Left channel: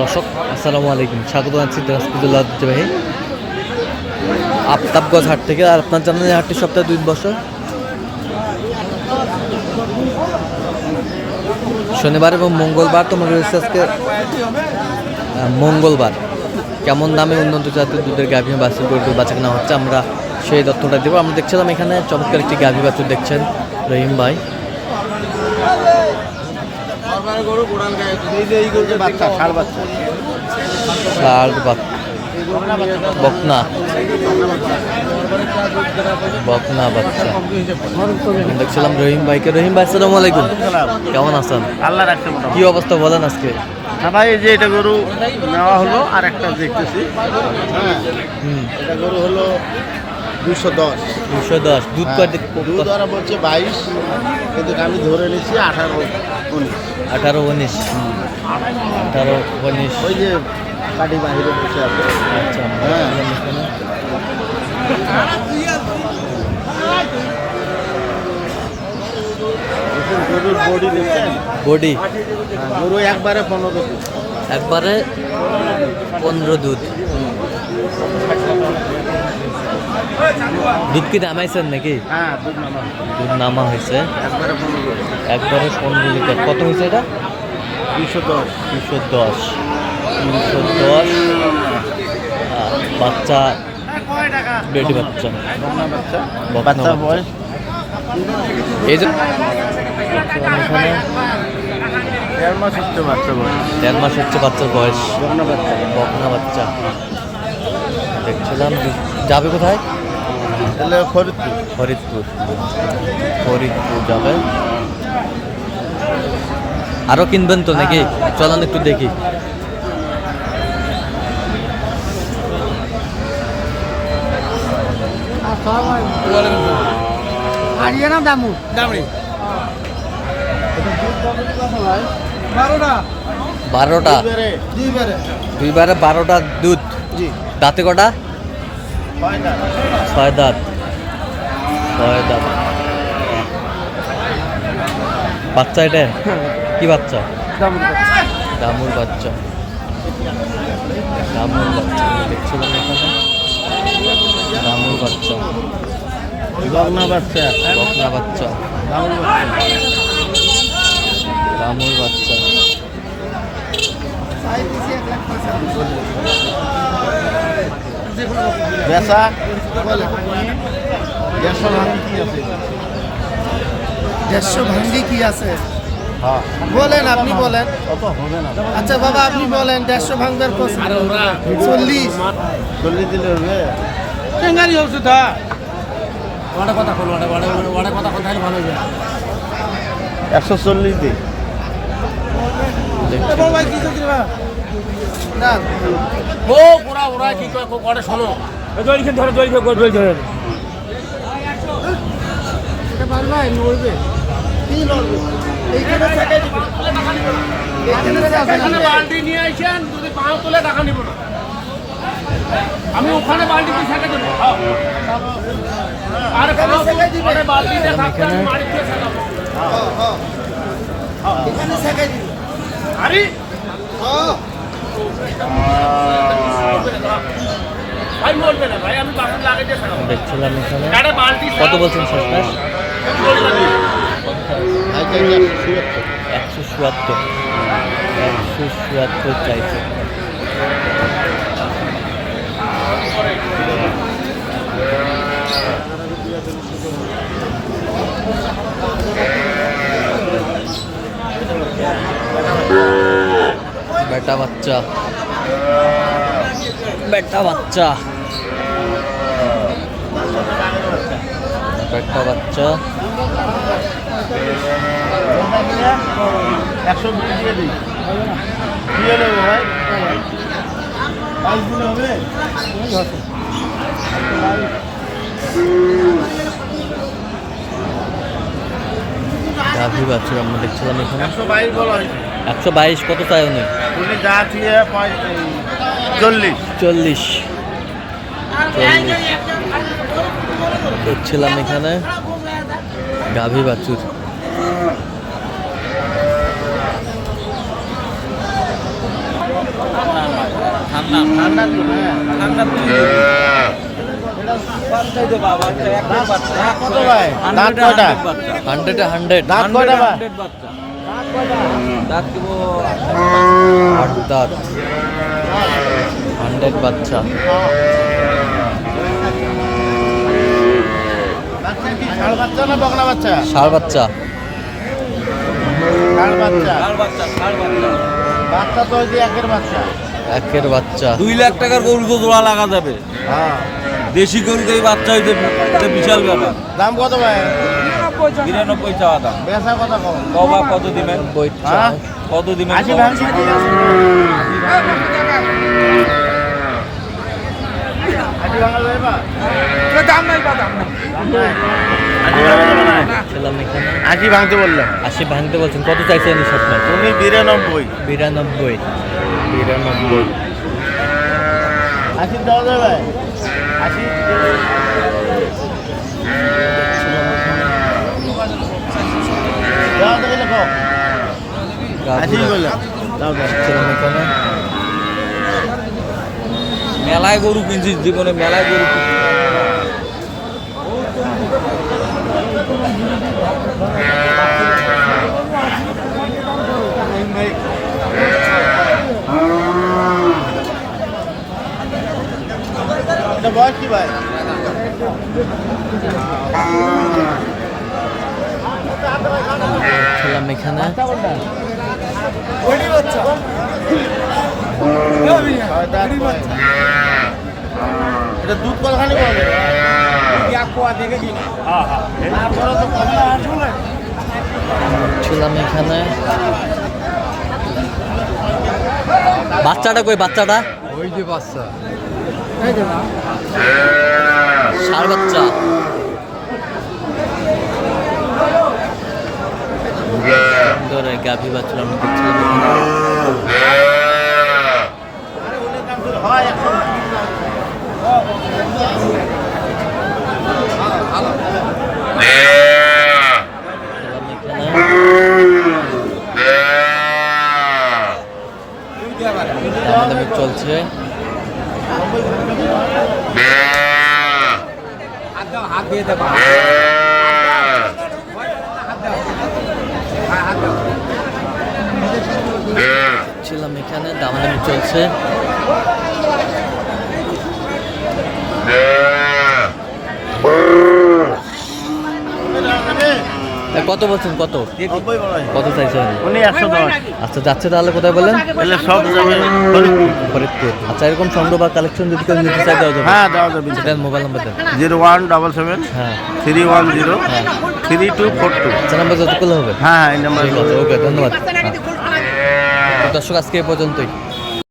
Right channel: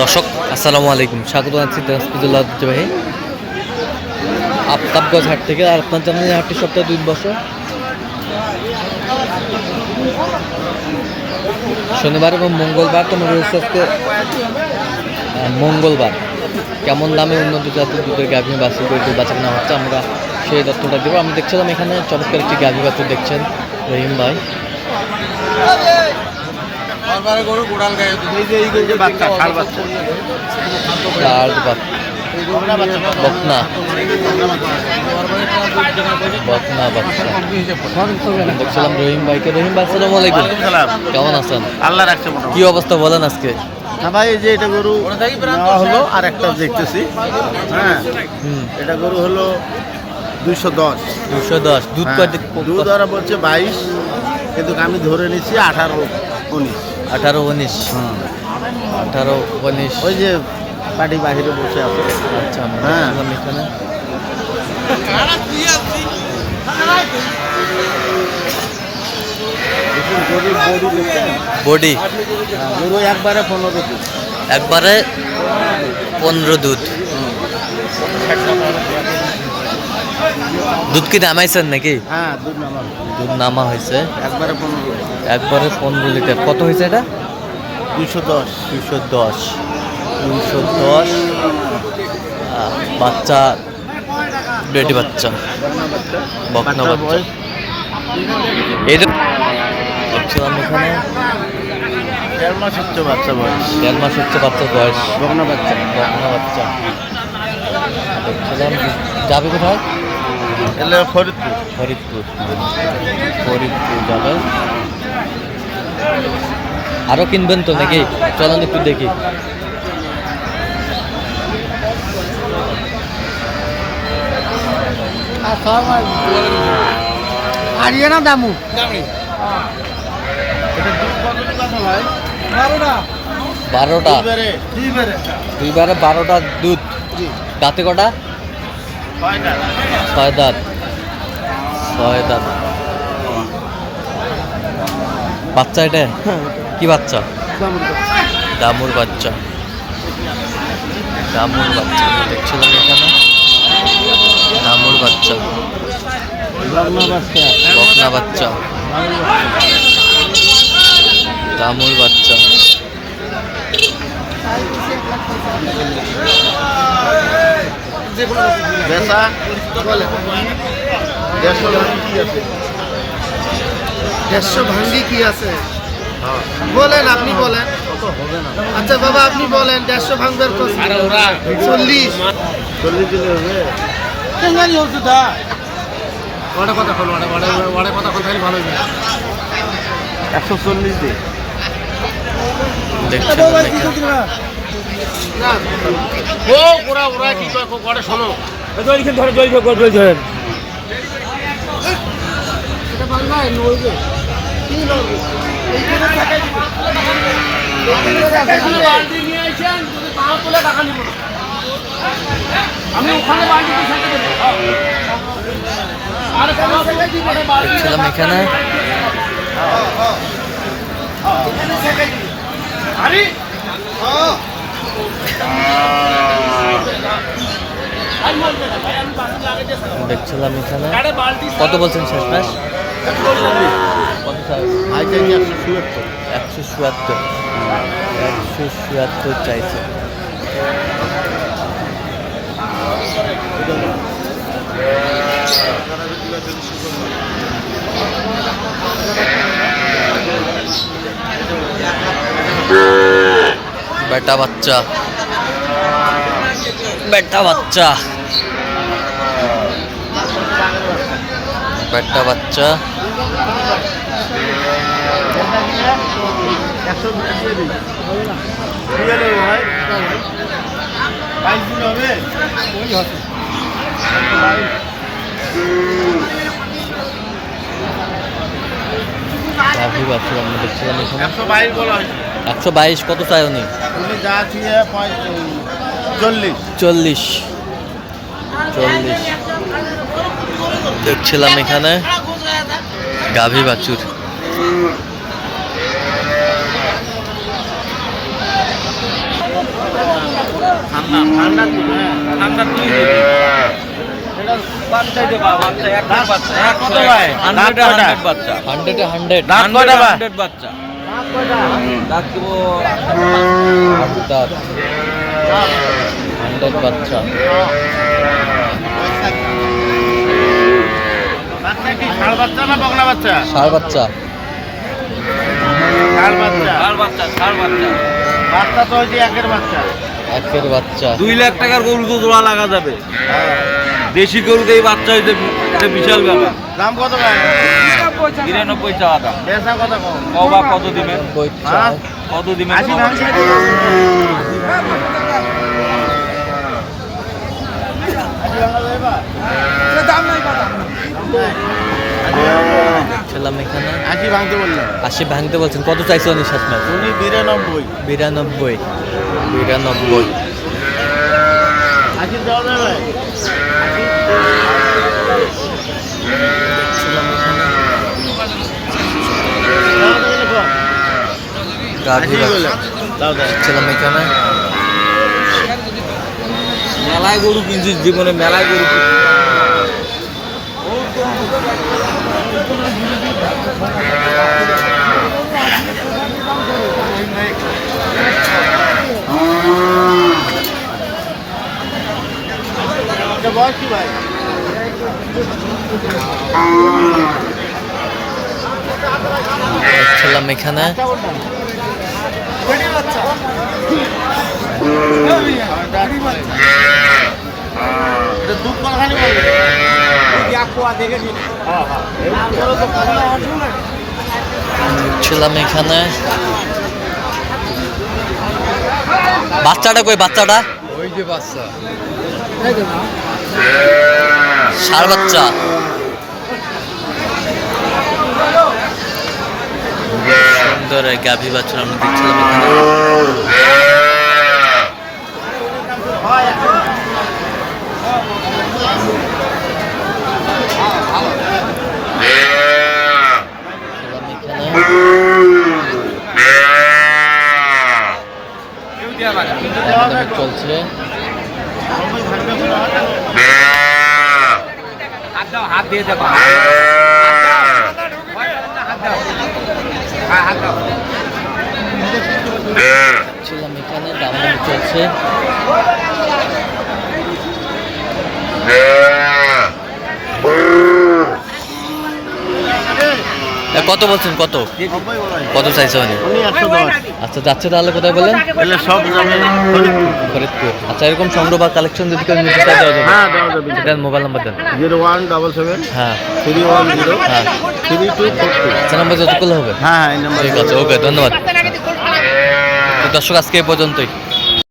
দর্শক, আসসালামু আলাইকুম। স্বাগত আছি দিনাজপুরুল্লাহ ঐতিহ্যবাহী আফতাবগঞ্জ হাট থেকে আর আপনার জানেন হাটটি সপ্তাহে দুই বছর। শনিবার এবং মঙ্গলবার তোমার রয়েছে আজকে মঙ্গলবার। কেমন দামে উন্নত জাতের দুধের গাভী বাছুর করে দুধ বাচ্চা কেনা হচ্ছে, আমরা সেই তথ্যটা দেবো। আমরা দেখছিলাম এখানে চমৎকার একটি গাভী বাছুর দেখছেন রহিম ভাই। বাচ্চা ষাড় বাচ্চা। আর বাক- বকনা। বকনা বাচ্চা। দেখছিলাম রহিম ভাইকে। রহিম ভাই আসসালামু আলাইকুম। কেমন আছেন? আল্লাহ রাখছে কি অবস্থা বলেন আজকে? না ভাই যে এটা গরু নেওয়া হলো আর একটা দেখতেছি। হ্যাঁ হুম। এটা গরু হলো দুশো দশ। দুশো দশ। দুধ হ্যাঁ, দুধ বলছে বাইশ কিন্তু আমি ধরে নিচ্ছি আঠারো উনিশ। আঠারো উনিশ। আঠারো উনিশ। ওই যে গাড়ি বাহিরে বসে আছে। আচ্ছা হ্যাঁ। এখানে। বডি। একবারে পনেরো একবারে পনেরো দুধ। দুধ কি নামাইছেন নাকি? হ্যাঁ দুধ নামা হয়েছে। একবারে একবারে পনেরো লিটার। কত হয়েছে এটা? দুশো। দশ দুশো। দশ দুশো। দশ বাচ্চা বেটি বাচ্চা। বকনা বাচ্চা এই দেখছিলাম এখানে। দেড় মাস হচ্ছে বাচ্চা বয়স। দেড় মাস হচ্ছে বাচ্চার বয়স। বকনা বাচ্চা। বকনা বাচ্চা। দেখছিলাম যাবে কোথায়? ফরিদপুর। ফরিদপুর। ফরিদপুর যাবে। আরও কিনবেন তো নাকি? চলেন একটু দেখি। হারিয়ানা দামু। বারোটা। বারোটা? দুইবারে দুধ। জি। দাঁতে কটা? ছয় দাঁত। ছয় দাঁত। বাচ্চা এটা? কি বাচ্চা? দামুর বাচ্চা। দামুর বাচ্চা। দেখছিলাম এখানে। দামুর বাচ্চা। বকনা বাচ্চা। বকনা বাচ্চা। দামুর বাচ্চা। দেড়শো আছে? দেড়শো ভাঙ্গি কি আছে? হ্যাঁ। বলেন আপনি বলেন। আচ্ছা বাবা আপনি বলেন দেড়শো ভাঙবার চল্লিশ। টেঙ্গারি ওটা কথা বলো ওটা ওটা কথা কথা ভালো একশো চল্লিশ দিন। না। ও ওরা ওরা কি ওটা শোনো। এটা পারবা নড়বে। কি নড়বে এইখানে টাকা দিবে। আমি ওখানে বালতি দিয়ে সেটা করি আর কোনো ওখানে বালতি দেখছিলাম এখানে? দিবি। আরে দেখছিলাম কত বলছেন শেষ একশো চুয়াত্তর। একশো চুয়াত্তর চাইছে। বেটা বাচ্চা। বেটা বাচ্চা। বেটা বাচ্চা। গাভী বাছুর আমরা দেখছিলাম এখানে। একশো বাইশ, কত চাই উনি? যা চল্লিশ চল্লিশ। চল্লিশ। দেখছিলাম এখানে গাভী বাছুর আমরা দুই দিই। এটা বাচ্চাই দেবা, বাচ্চা, একটাই বাচ্চা, দাঁত একশো, কত ভাই? একশো। দাঁত 100 কয়টা? 100 বাচ্চা। হান্ড্রেডে হান্ড্রেড দাঁত 100 কয়টা ভাই? 100 বাচ্চা। দাঁত দিব আট দাঁত হান্ড্রেড বাচ্চা বাচ্চা কি ষাঁড় বাচ্চা না বকনা বাচ্চা ষাড় বাচ্চা ষাঁড় বাচ্চা ষাঁড় বাচ্চা, ষাঁড় বাচ্চা। বাচ্চা তো ওই বাচ্চা। একের বাচ্চা। দুই লাখ টাকার গরু তো জোড়া লাগা যাবে। দেশি গরুতে এই বাচ্চা এটা বিশাল ব্যাপার। দাম কত নিরানব্বই চাওয়া দাম। কবা কত দিবেন হ্যাঁ? কত দিবেন দাম নাই? ছিলাম এখানে আশি ভাঙতে বললাম। আশি ভাঙতে বলছেন কত চাইছে উনি শেষ ম্যাচ উনি বিরানব্বই। বিরানব্বই। বিরানব্বই। ছিলাম এখানে। মেলায় গরু কিনছি জীবনে মেলায় গরু ভাই ছিলাম এখানে। এটা হ্যাঁ হ্যাঁ। ছিলাম এখানে। বাচ্চাটা কই বাচ্চাটা? ওই যে বাচ্চা। ষাড় বাচ্চা। সুন্দর গাভী বাচ্চা আমরা দেখছিলাম এখানে। চলছে। হাত দিয়ে দেখো ছিলাম এখানে দামাদামি চলছে। কত বলছেন? কত? হয়। কত চাইছে উনি উনি একশো দশ। আচ্ছা যাচ্ছে তাহলে কোথায় বললেন? সব যাবে ফরিদপুর। আচ্ছা এরকম সংগ্রহ বা কালেকশন যদি কেউ নিতে চায় দেওয়া যাবে? হ্যাঁ দেওয়া যাবে। সেটার মোবাইল নাম্বার দেন। জিরো ওয়ান ডাবল সেভেন হ্যাঁ। থ্রি ওয়ান জিরো হ্যাঁ। Three two four two. আচ্ছা নাম্বার যতগুলো হবে? হ্যাঁ এই নাম্বার ঠিক আছে ওকে ধন্যবাদ। দর্শক আজকে এই পর্যন্তই।